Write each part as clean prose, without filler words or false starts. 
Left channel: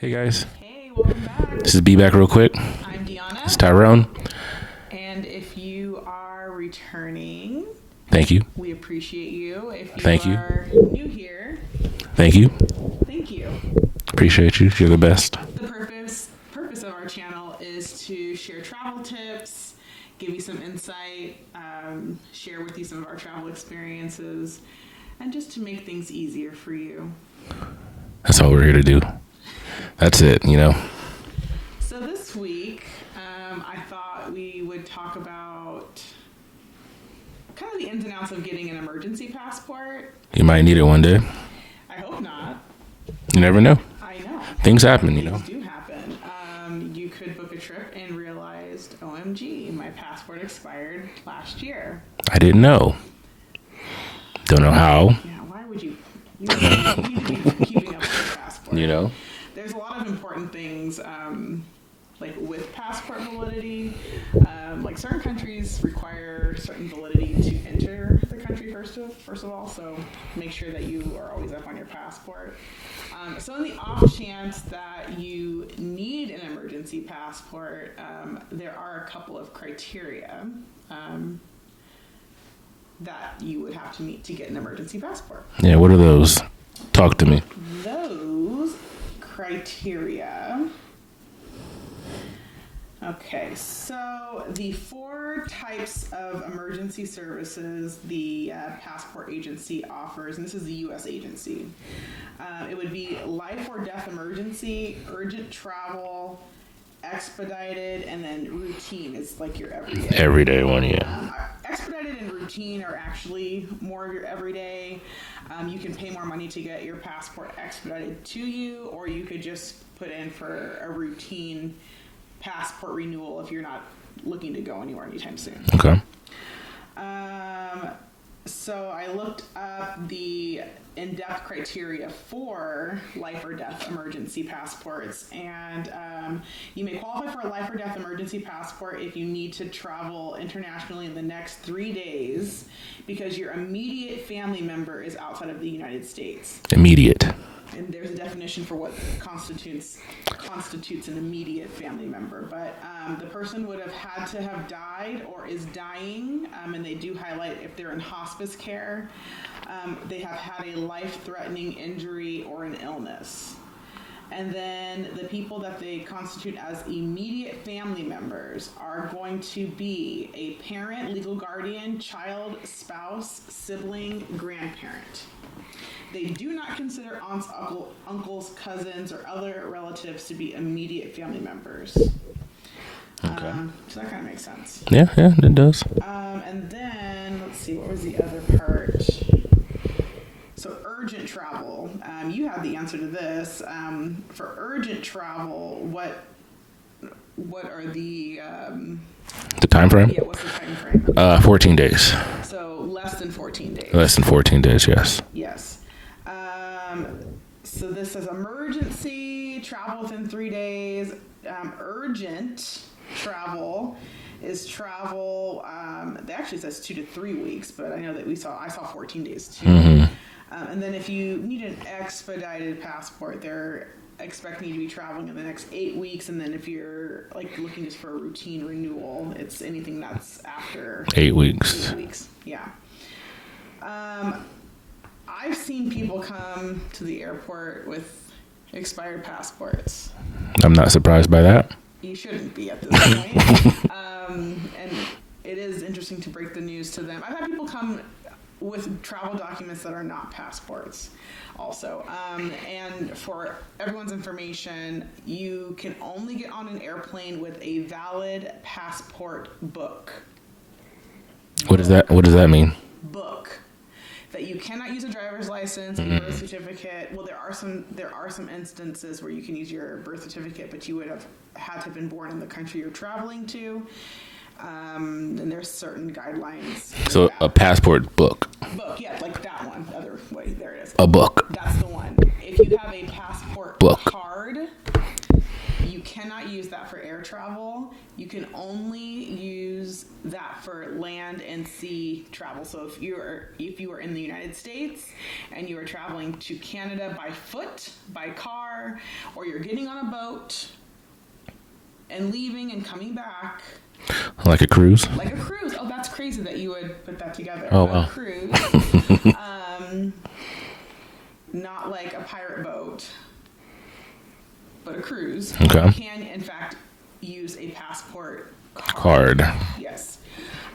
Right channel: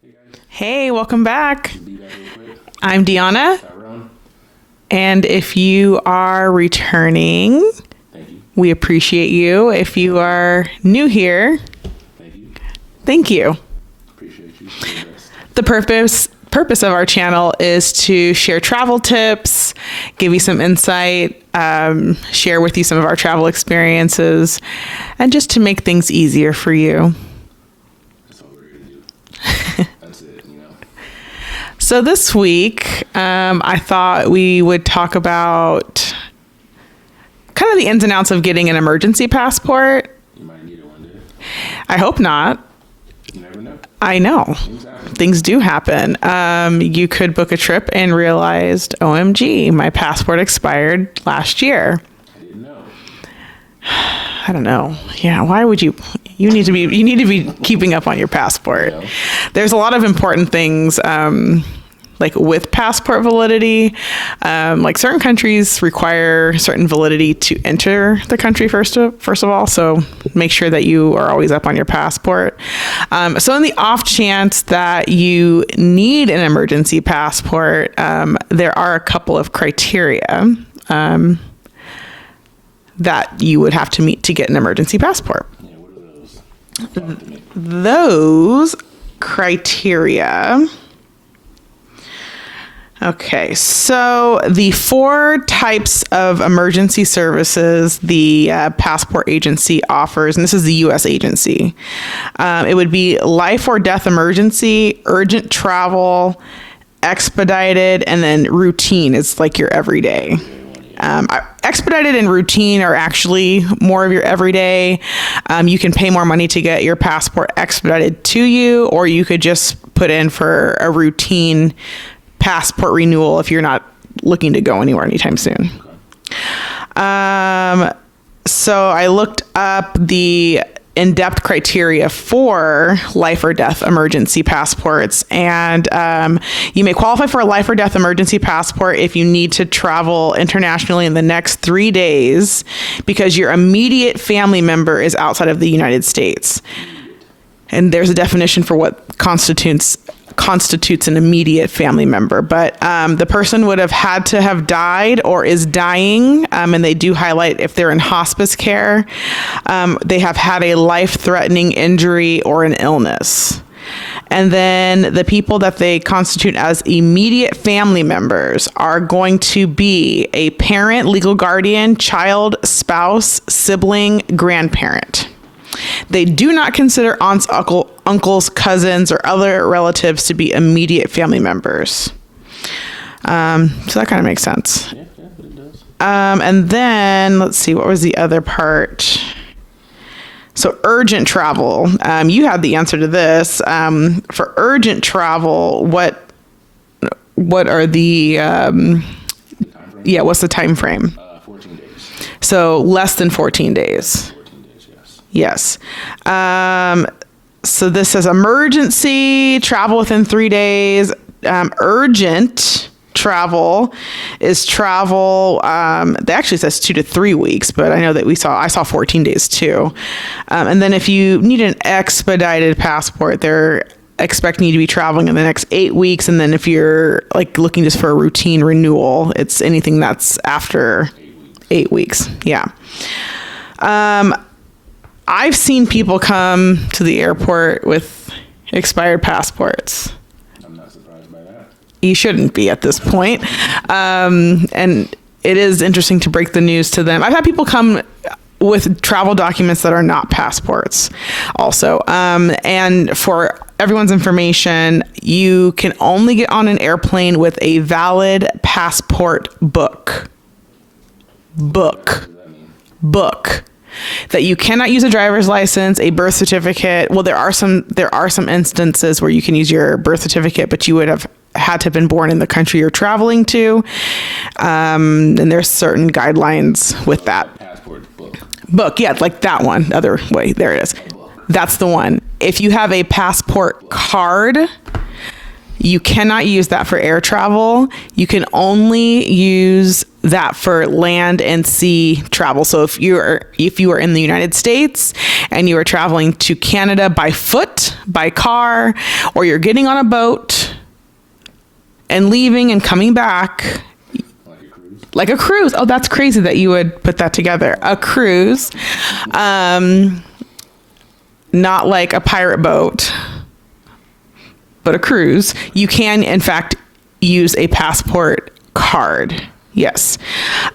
Hey guys. Hey, welcome back. This is Be Back Real Quick. I'm Dionna. It's Tyrone. And if you are returning, Thank you. we appreciate you. If you are new here, Thank you. thank you. Appreciate you. You're the best. The purpose of our channel is to share travel tips, give you some insight, share with you some of our travel experiences, and just to make things easier for you. That's all we're here to do. That's it, you know. So this week, I thought we would talk about kind of the ins and outs of getting an emergency passport. You might need it one day. I hope not. You never know. I know. Things happen. Things do happen. You could book a trip and realized, OMG, my passport expired last year. I didn't know. Don't know how. Yeah, why would you? You need to be keeping up on your passport. Yeah. There's a lot of important things like with passport validity. Like certain countries require certain validity to enter the country first of all. So make sure that you are always up on your passport. So in the off chance that you need an emergency passport, there are a couple of criteria that you would have to meet to get an emergency passport. Yeah, what are those? Talk to me. Those criteria. Okay, so the 4 types of emergency services the passport agency offers, and this is the U.S. agency. It would be life or death emergency, urgent travel, expedited, and then routine is like your everyday. Everyday one, yeah. Expedited and routine are actually more of your everyday. You can pay more money to get your passport expedited to you, or you could just put in for a routine passport renewal if you're not looking to go anywhere anytime soon. Okay. So I looked up the in-depth criteria for life or death emergency passports, and you may qualify for a life or death emergency passport if you need to travel internationally in the next 3 days because your immediate family member is outside of the United States. Immediate. And there's a definition for what constitutes an immediate family member. But the person would have had to have died or is dying. And they do highlight if they're in hospice care, they have had a life-threatening injury or an illness. And then the people that they constitute as immediate family members are going to be a parent, legal guardian, child, spouse, sibling, grandparent. They do not consider aunts, uncles, cousins, or other relatives to be immediate family members. So that kind of makes sense. Yeah, it does. And then let's see, what was the other part? So urgent travel. You had the answer to this. For urgent travel, what are the time frame? Yeah, what's the time frame? 14 days. So less than 14 days. Less than 14 days, yes. Yes. So this says emergency travel within 3 days. Urgent travel is travel. That actually says 2 to 3 weeks, but I know that I saw 14 days too. And then if you need an expedited passport, they're expecting you to be traveling in the next 8 weeks. And then if you're like looking just for a routine renewal, it's anything that's after 8 weeks. 8 weeks. Yeah. I've seen people come to the airport with expired passports. I'm not surprised by that. You shouldn't be at this point. And it is interesting to break the news to them. I've had people come with travel documents that are not passports also. And for everyone's information, you can only get on an airplane with a valid passport book. What does that mean? Book. That you cannot use a driver's license, a birth certificate. Well, there are some instances where you can use your birth certificate, but you would have had to have been born in the country you're traveling to. And there's certain guidelines with that. A passport book. Book, yeah, like that one. Other way, there it is. A book. That's the one. If you have a passport card, You cannot use that for air travel. You can only use that for land and sea travel. So if you are in the United States and you are traveling to Canada by foot, by car, or you're getting on a boat and leaving and coming back. Like a cruise? Like a cruise. Oh, that's crazy that you would put that together. Oh, wow. A cruise. Not like a pirate boat, but a cruise. Okay. You can, in fact, use a passport card. Yes.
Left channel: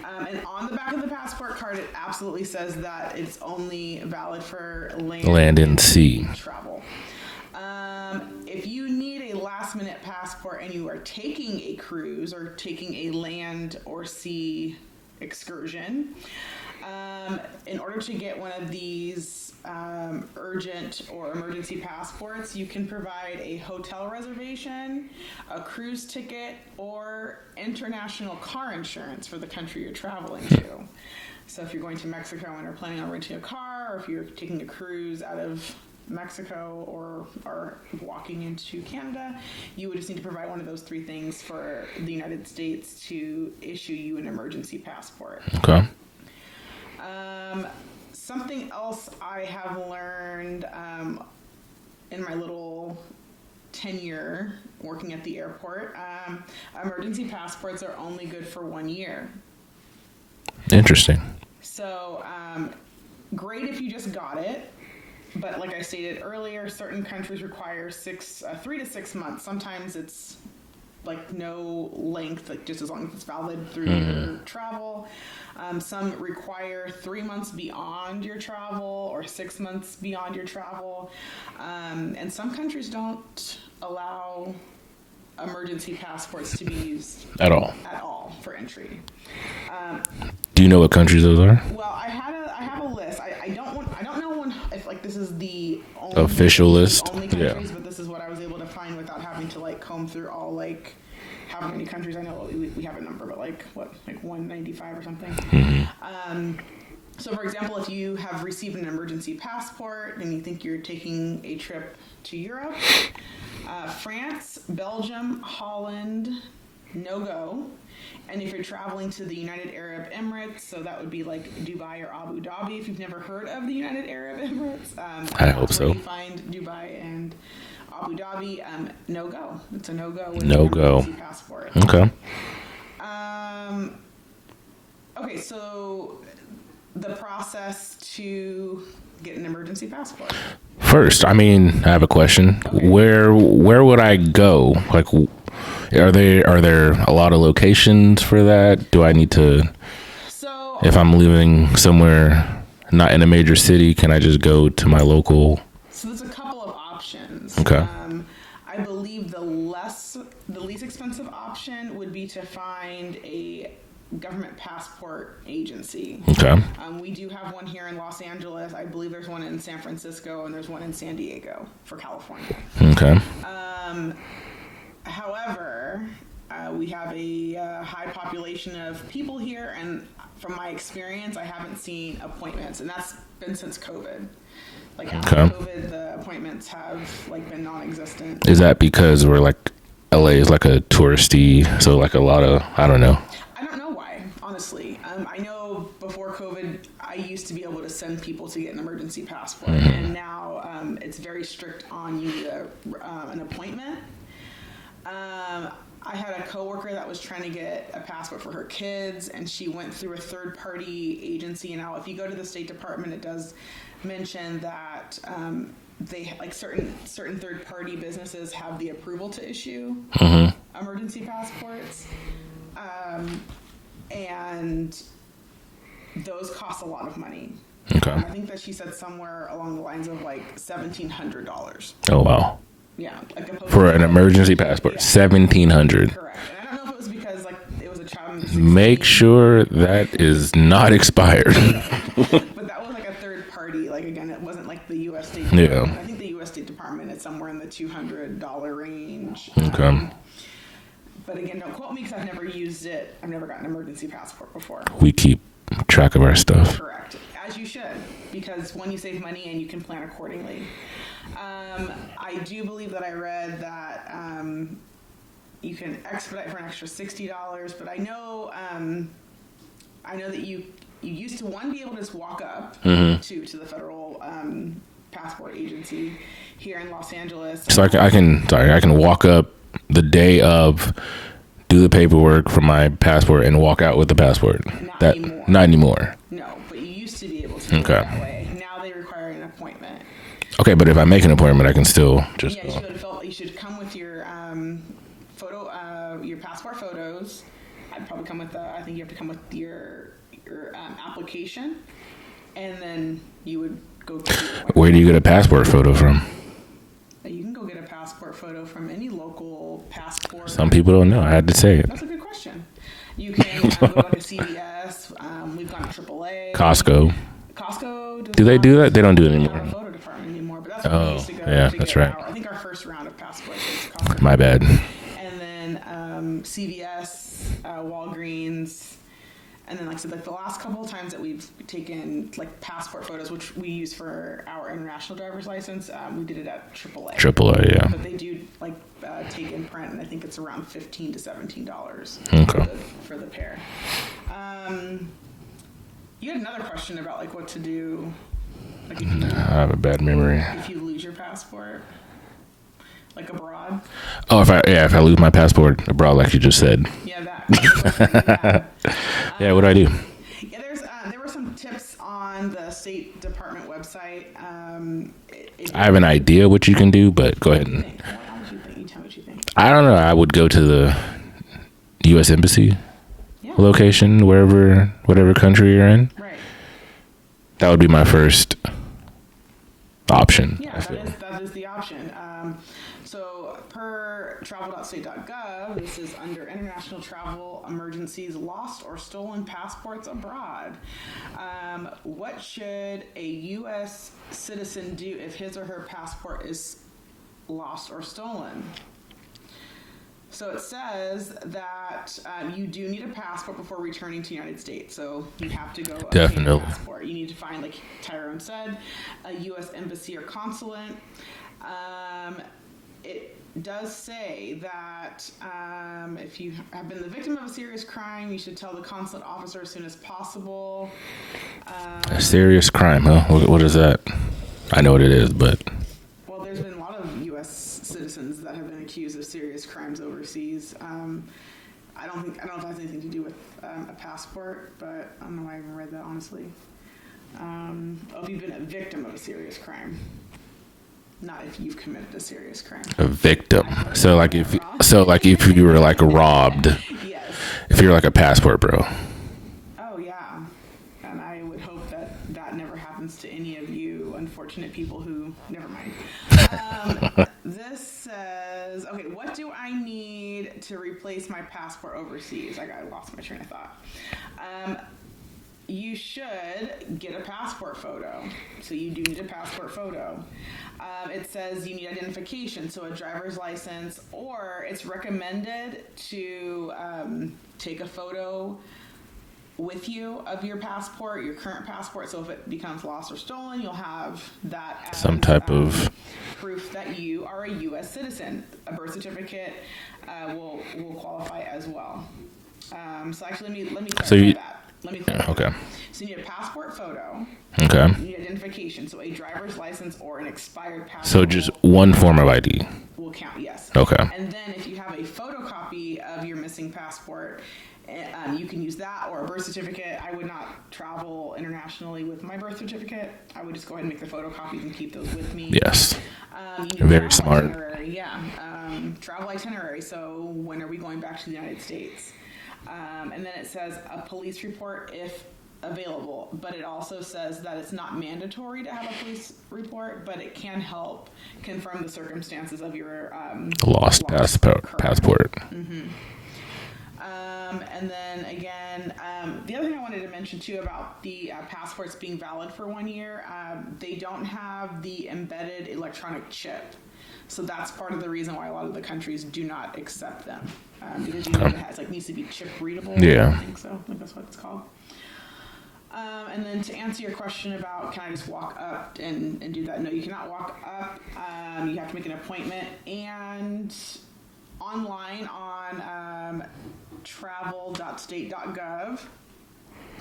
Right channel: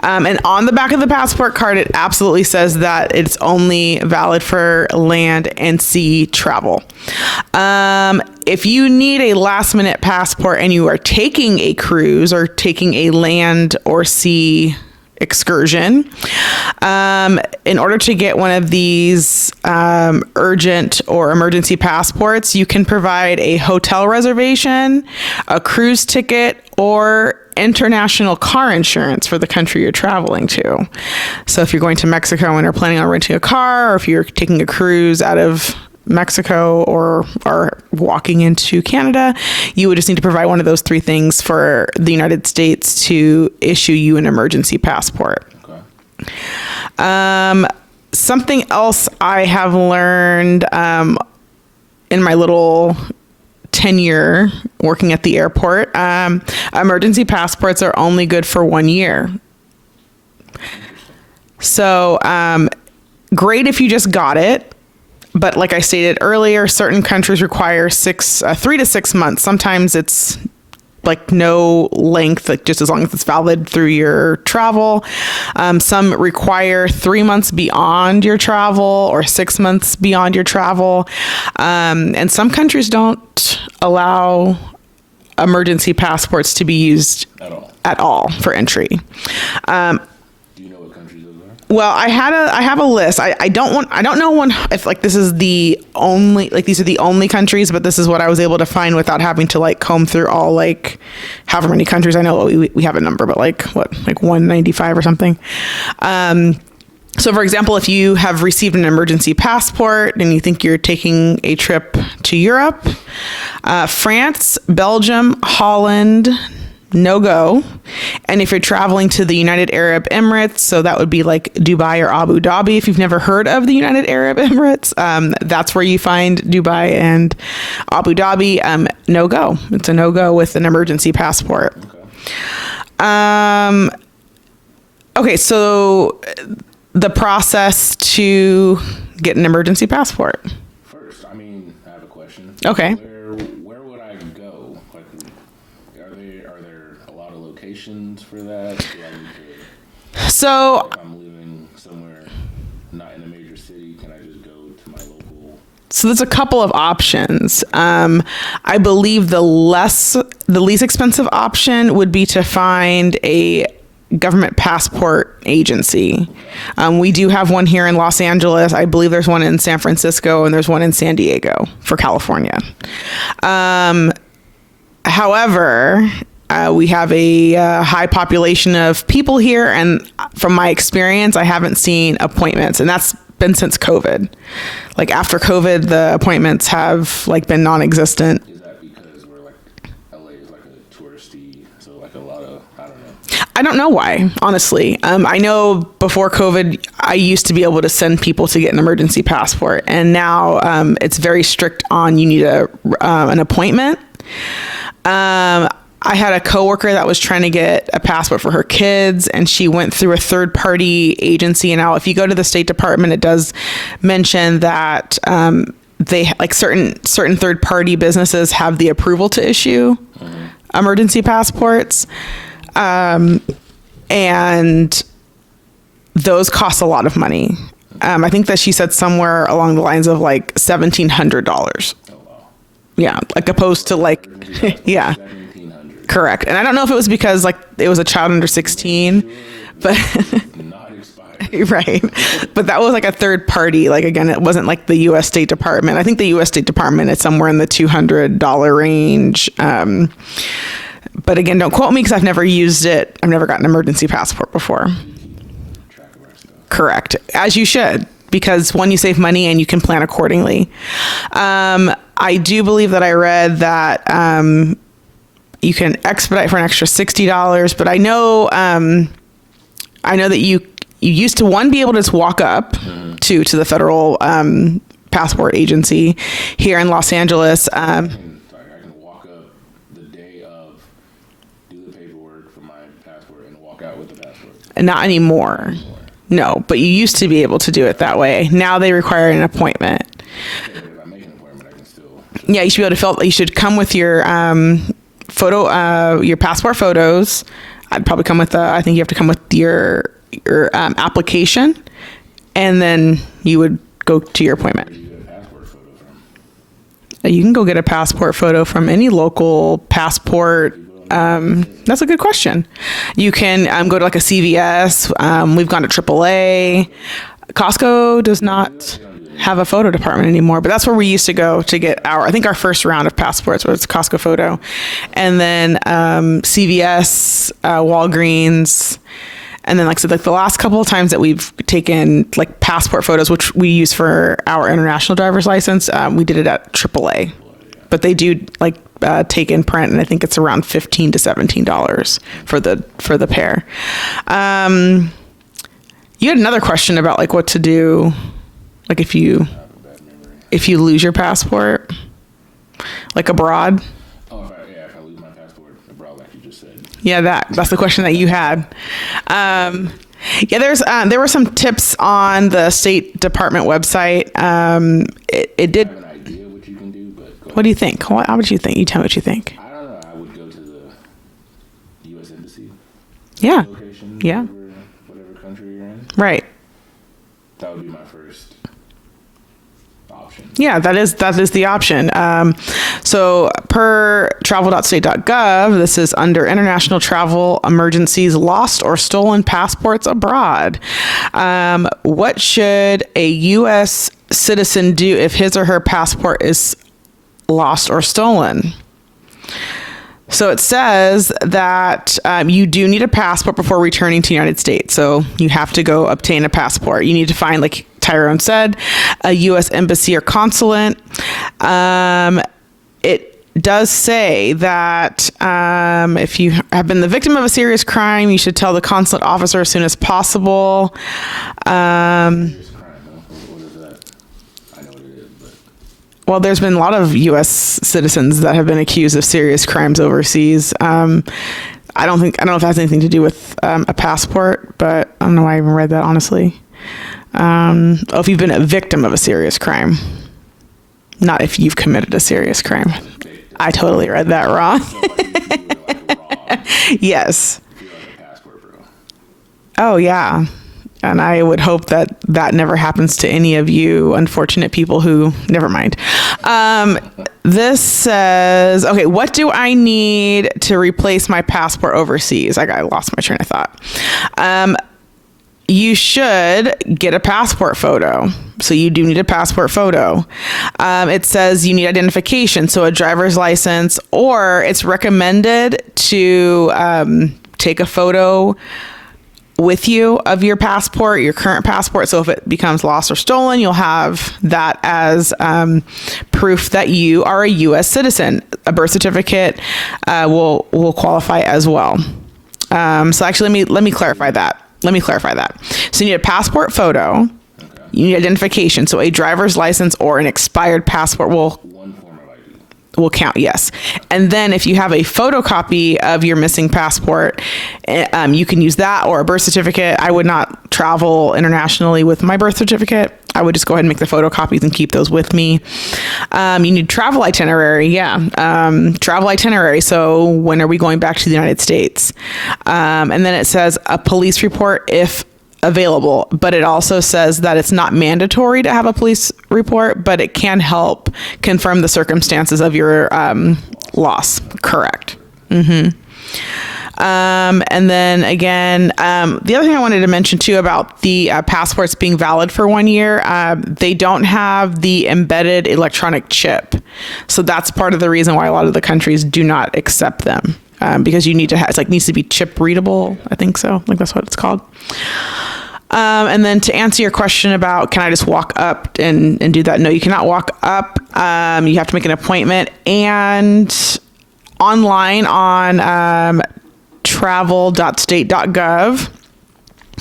And on the back of the passport card, it absolutely says that it's only valid for land and sea travel. If you need a last minute passport and you are taking a cruise or taking a land or sea excursion, in order to get one of these urgent or emergency passports, you can provide a hotel reservation, a cruise ticket, or international car insurance for the country you're traveling to. So if you're going to Mexico and are planning on renting a car, or if you're taking a cruise out of Mexico or are walking into Canada, you would just need to provide one of those three things for the United States to issue you an emergency passport. Okay. Something else I have learned in my little tenure working at the airport, emergency passports are only good for 1 year. Interesting. So great if you just got it. But like I stated earlier, certain countries require 3 to 6 months. Sometimes it's like no length, like just as long as it's valid through your travel. Some require 3 months beyond your travel or 6 months beyond your travel. And some countries don't allow emergency passports to be used At all for entry. Do you know what countries those are? Well, I have a list. I don't know if like this is the only Official like these are the list? only countries, but this is what I was able to find without having to like comb through all like however many countries. I know we have a number, but like 195 or something. So for example, if you have received an emergency passport and you think you're taking a trip to Europe, France, Belgium, Holland, no go. And if you're traveling to the United Arab Emirates, so that would be like Dubai or Abu Dhabi. If you've never heard of the United Arab Emirates, that's where you find Dubai and Abu Dhabi. No go. It's a no go with an emergency passport. Okay. Okay. So the process to get an emergency passport. First, I mean, I have a question. Okay. Where would I go? Like, Are there a lot of locations for that? Do I need to? So if I'm living somewhere not in a major city, can I just go to my local? So there's a couple of options. Okay. I believe the least expensive option would be to find a government passport agency. Okay. We do have one here in Los Angeles. I believe there's one in San Francisco and there's one in San Diego for California. Okay. However, we have a high population of people here, and from my experience, I haven't seen appointments, and that's been since COVID. Like after COVID, the appointments have like been non-existent. Is that because we're like LA is like a touristy, so like a lot of, I don't know. I don't know why, honestly. I know before COVID, I used to be able to send people to get an emergency passport, and now it's very strict on you need an appointment. I had a coworker that was trying to get a passport for her kids, and she went through a third-party agency. And now if you go to the State Department, it does mention that they like certain third-party businesses have the approval to issue emergency passports. And those cost a lot of money. Okay. I think that she said somewhere along the lines of like $1,700. Oh, wow. Yeah, like opposed to like emergency passport. Yeah, $1,700. Correct. And I don't know if it was because like it was a child under 16. Make sure that is not expired. Right. But that was like a third party. Like again, it wasn't like the U.S. State Department. Yeah. I think the U.S. State Department is somewhere in the $200 range. But again, don't quote me because I've never used it. I've never gotten an emergency passport before. We keep track of our stuff. Correct. As you should. Because one, you save money and you can plan accordingly. I do believe that I read that you can expedite for an extra $60. But I know that you used to be able to just walk up to the federal passport agency here in Los Angeles. So I can walk up the day of, do the paperwork for my passport, and walk out with the passport. Not anymore. Not anymore. No, but you used to be able to do it that way. Now they require an appointment. Okay, but if I make an appointment, I can still just... Yeah, you should be able to fill. You should come with your your passport photos. I'd probably come with I think you have to come with your application, and then you would go to your appointment. Where do you get a passport photo from? You can go get a passport photo from any local passport. Some people don't know. I have to say it. That's a good question. You can go to like a CVS. We've gone to AAA. Costco does not. Do they do that? They don't do it anymore. Have a photo department anymore, but that's where we used to go to get I think our first round of passports was Costco photo. And then CVS, Walgreens. And then, like I said, like the last couple of times that we've taken like passport photos, which we use for our international driver's license, we did it at AAA. AAA, yeah. But they do like take in print, and I think it's around $15 to $17 for the pair. You had another question about like what to do, like if you... I have a bad memory. If you lose your passport, like abroad. Oh, if I lose my passport abroad, like you just said. Yeah, that's the question that you had. Yeah, what do I do? Yeah, there were some tips on the State Department website. It did. I have an idea what you can do, but go ahead. What do you think? How would you think? You tell me what you think. I don't know. I would go to the U.S. Embassy location, whatever country you're in. Right. That would be my first option. Yeah, that is the option. So per travel.state.gov, this is under international travel emergencies, lost or stolen passports abroad. What should a U.S. citizen do if his or her passport is lost or stolen? So it says that you do need a passport before returning to the United States. So you have to go obtain a passport. You need to find, like Tyrone said, a U.S. embassy or consulate. It does say that if you have been the victim of a serious crime, you should tell the consulate officer as soon as possible. Serious crime, huh? What is that? I know what it is, but... Well, there's been a lot of U.S. citizens that have been accused of serious crimes overseas. I don't know if it has anything to do with a passport, but I don't know why I even read that, honestly. If you've been a victim of a serious crime, not if you've committed a serious crime. A victim. I totally read that wrong. So like if you were like robbed. Yes. If you're like a passport bro. Oh, yeah. And I would hope that that never happens to any of you unfortunate people who, never mind. This says, okay, what do I need to replace my passport overseas? I lost my train of thought. You should get a passport photo. So you do need a passport photo. It says you need identification. So a driver's license, or it's recommended to take a photo with you of your passport, your current passport. So if it becomes lost or stolen, you'll have that as proof that you are a U.S. citizen. A birth certificate will qualify as well. So actually, let me clarify that. Let me clarify that. So you need a passport photo. Okay. You need identification. So a driver's license or an expired passport one form of ID. Will count, yes. Okay. And then if you have a photocopy of your missing passport, you can use that, or a birth certificate. I would not travel internationally with my birth certificate. I would just go ahead and make the photocopies and keep those with me. Yes. You need travel itinerary. Yeah. Travel itinerary. So when are we going back to the United States? And then it says a police report if available, but it also says that it's not mandatory to have a police report, but it can help confirm the circumstances of your loss. Correct. Mm-hmm. And then again, the other thing I wanted to mention too about the passports being valid for 1 year, they don't have the embedded electronic chip. So that's part of the reason why a lot of the countries do not accept them, because you need to have, it's like needs to be chip readable. Yeah. I think so. Like that's what it's called. And then to answer your question about, can I just walk up and do that? No, you cannot walk up. You have to make an appointment. And online on travel.state.gov.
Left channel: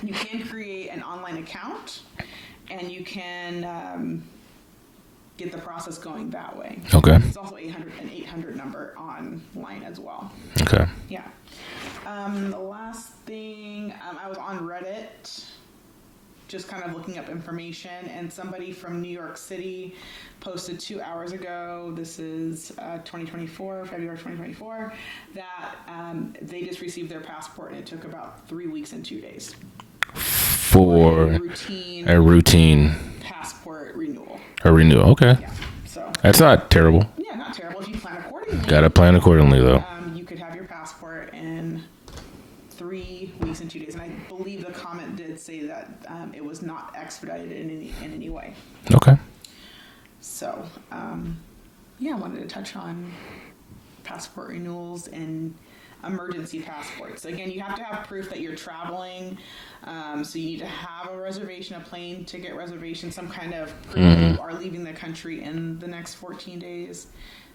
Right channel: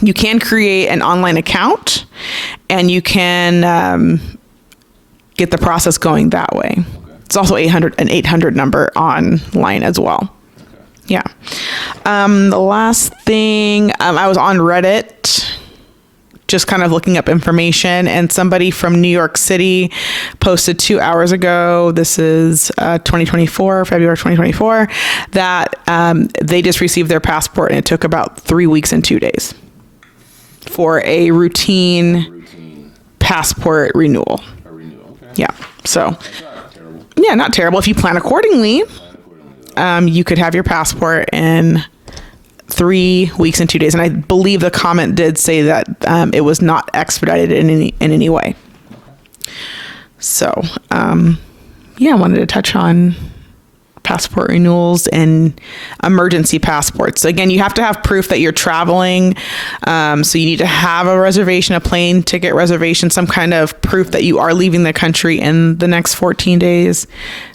You can create an online account, and you can get the process going that way. Okay. It's also an 800 number online as well. Okay. Yeah. The last thing, I was on Reddit, just kind of looking up information, and somebody from New York City posted 2 hours ago, this is February 2024, that they just received their passport, and it took about 3 weeks and 2 days for a routine passport renewal. A renewal, okay. Yeah. So that's not terrible. Yeah, not terrible. If you plan accordingly. Gotta plan accordingly, though. You could have your passport in 3 weeks and 2 days. And I believe the comment did say that it was not expedited in any way. Okay. So, yeah, I wanted to touch on passport renewals and emergency passports. Again, you have to have proof that you're traveling. So you need to have a reservation, a plane ticket reservation, some kind of proof that you are leaving the country in the next 14 days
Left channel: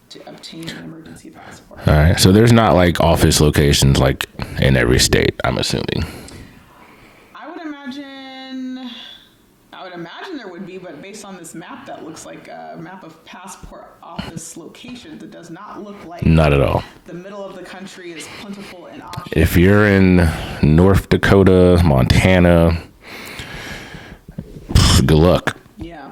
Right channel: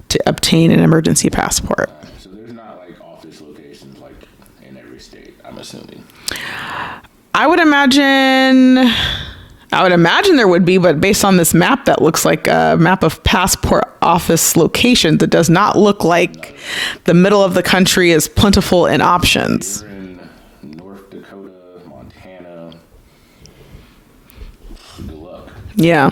to obtain an emergency passport. All right. So there's not like office locations like in every state, I'm assuming. I would imagine there would be, but based on this map that looks like a map of passport office locations, it does not look like not at all. The middle of the country is plentiful in options. If you're in North Dakota, Montana, good luck. Yeah.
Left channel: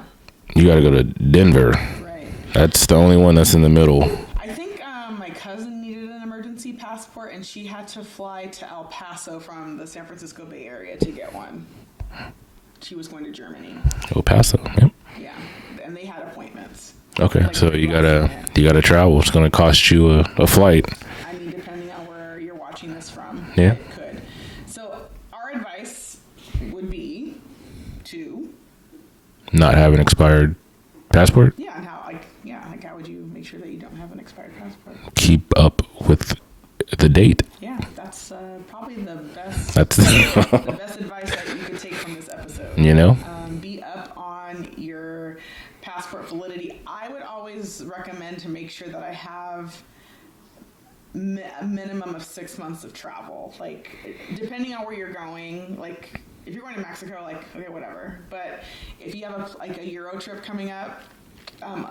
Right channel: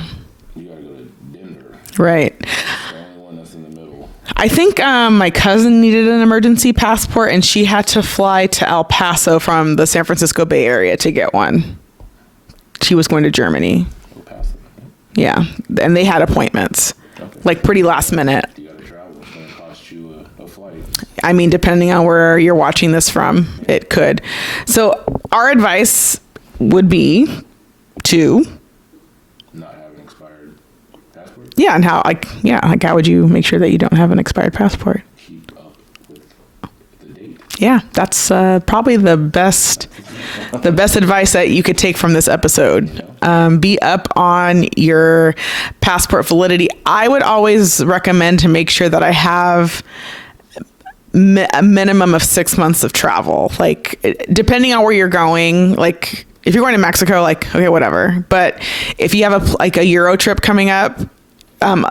You got to go to Denver. Right. That's the only one that's in the middle. I think my cousin needed an emergency passport, and she had to fly to El Paso from the San Francisco Bay Area to get one. She was going to Germany. El Paso, yep. Yeah. And they had appointments. Okay. Like so pretty last minute. You got to travel. It's going to cost you a flight. I mean, depending on where you're watching this from, yeah. It could. So our advice would be to not have an expired passport. Yeah. And how would you make sure that you don't have an expired passport? Keep up with the date. Yeah, that's probably the best the best advice that you could take from this episode. You know, be up on your passport validity. I would always recommend to make sure that I have a minimum of 6 months of travel. Like, depending on where you're going, like if you're going to Mexico, like, okay, whatever. But if you have a Euro trip coming up,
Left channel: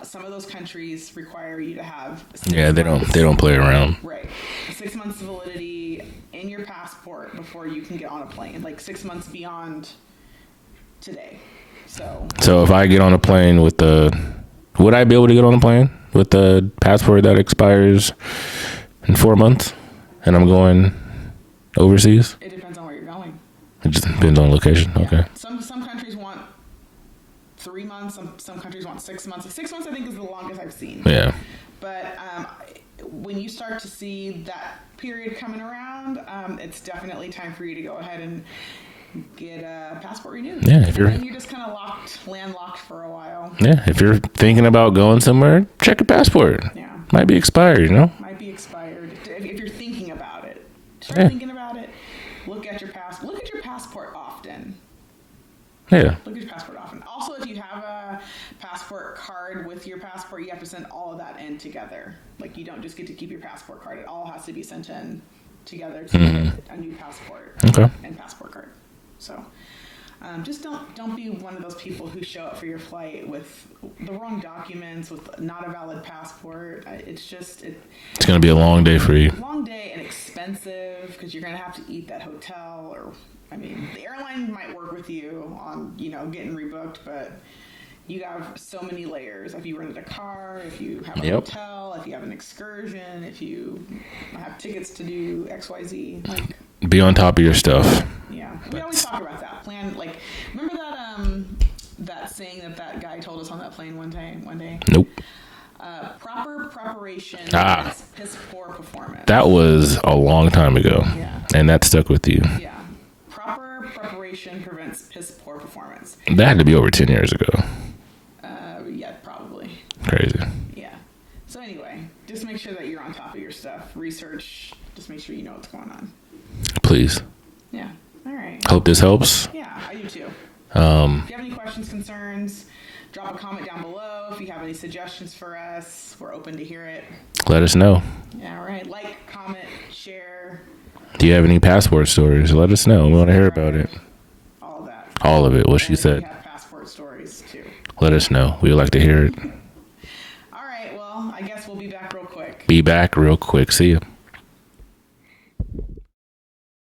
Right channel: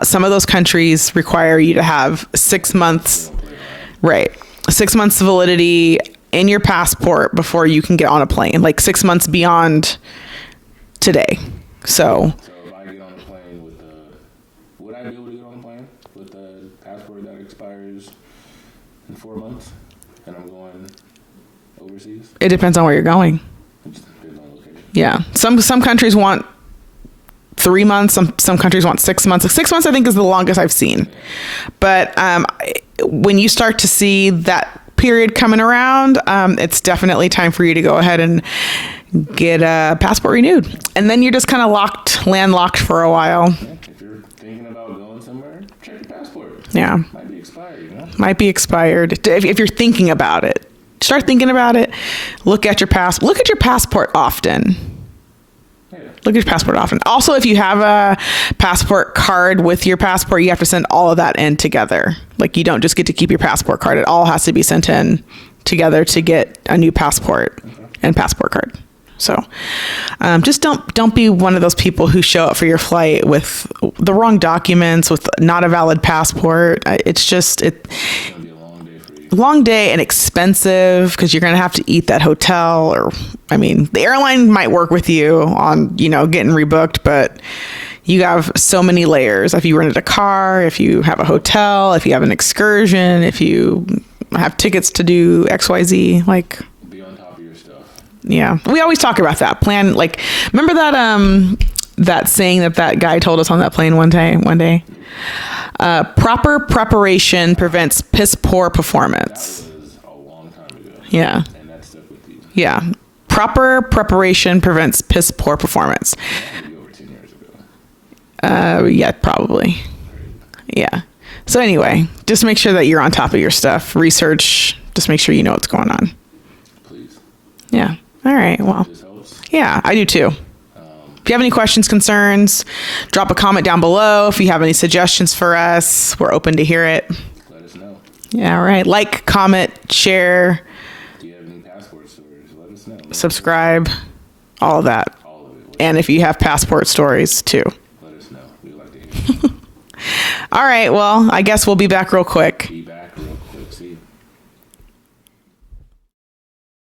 some of those countries require you to have 6 months. They don't play around. Right. 6 months validity in your passport before you can get on a plane, like 6 months beyond today. So if I get on a plane would I be able to get on a plane with the passport that expires in 4 months and I'm going overseas? It depends on where you're going. It just depends on location. Yeah. Okay. Some countries want 3 months. Some countries want 6 months. 6 months, I think, is the longest I've seen. Yeah. But when you start to see that period coming around, it's definitely time for you to go ahead and get a passport renewed. Yeah, and then you're just kind of landlocked for a while. Yeah. If you're thinking about going somewhere, check your passport. Yeah. Might be expired, you know? Might be expired. If you're thinking about it, start thinking about it. Look at your passport often. Yeah. Look at your passport often. Also, if you have a passport card with your passport, you have to send all of that in together. Like, you don't just get to keep your passport card. It all has to be sent in together to get a new passport and passport card. So just don't be one of those people who show up for your flight with the wrong documents, with not a valid passport. It's going to be a long day for you. Long day and expensive because you're going to have to eat that hotel the airline might work with you on, getting rebooked, but you have so many layers. If you rented a car, if you have a hotel, if you have an excursion, if you have tickets to do XYZ, like be on top of your stuff. Yeah. We always talk about that plan. Like, remember that saying that guy told us on that plane one day? Nope. Proper preparation prevents piss poor performance. That was a long time ago. Yeah. And that stuck with you. Yeah. Proper preparation prevents piss poor performance. That had to be over 10 years ago. Yeah, probably. Crazy. Yeah. So anyway, just make sure that you're on top of your stuff. Research. Just make sure you know what's going on. Please. Yeah. All right. Well, hope this helps. Yeah, I do too. If you have any questions, concerns, drop a comment down below. If you have any suggestions for us, we're open to hear it. Let us know. Yeah, all right. Like, comment, share. Do you have any passport stories? Let us know. Subscribe. All of that. All of it. And if you have passport stories too, let us know. We would like to hear it. All right. Well, I guess we'll be back real quick. See you.